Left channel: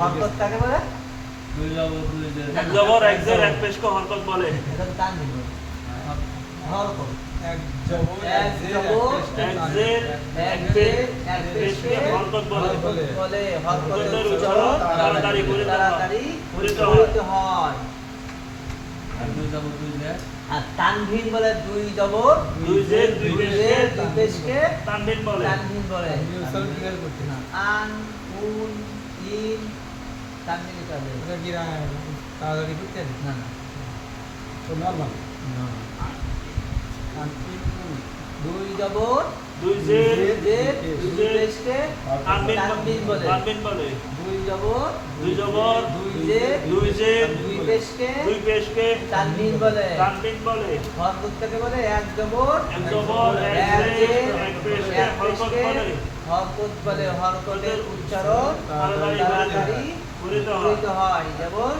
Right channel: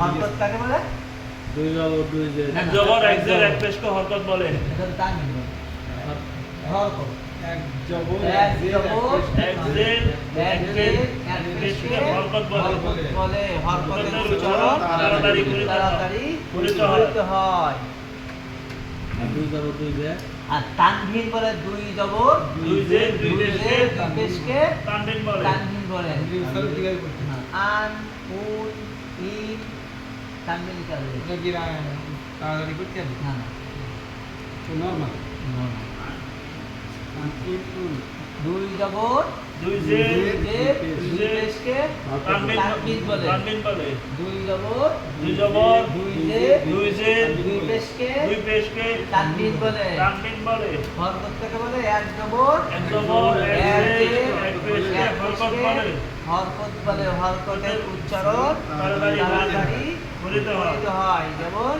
হরকত কাকে বলে? দুই জবর দুই জের এক জবর এক জের এক পেশকে হরকত বলে। এটা তানবিন হরকত এক জবর এক জবর এক জের এক পেশকে হরকত বলে। বলে হরকতের উচ্চারণ তাড়াতাড়ি করিতে হয়। আর দুই জবর দুই জের আর তানভীর বলে দুই জবর দুই জের দুই পেশকে তানবিন বলে। তানভীর বলে। উচ্চারণ ক্লিয়ার করতে না আন উন ইন তানভীর চলে এটা কি তাড়াতাড়ি করতে না না তো নরমাল দুই জবর দুই জের দুই পেশকে তানভীর বলে। তানবিন বলে। দুই জবর দুই জবর দুই দুই জের দুই পেশকে তানবিন বলে। হরকত থেকে বলে এক জবর এক জবর এক জের এক পেশকে হরকত বলে। হরকত বলে। হরকতের উচ্চারণ তাড়াতাড়ি তাড়াতাড়ি করিতে হয়। হয়। যেমন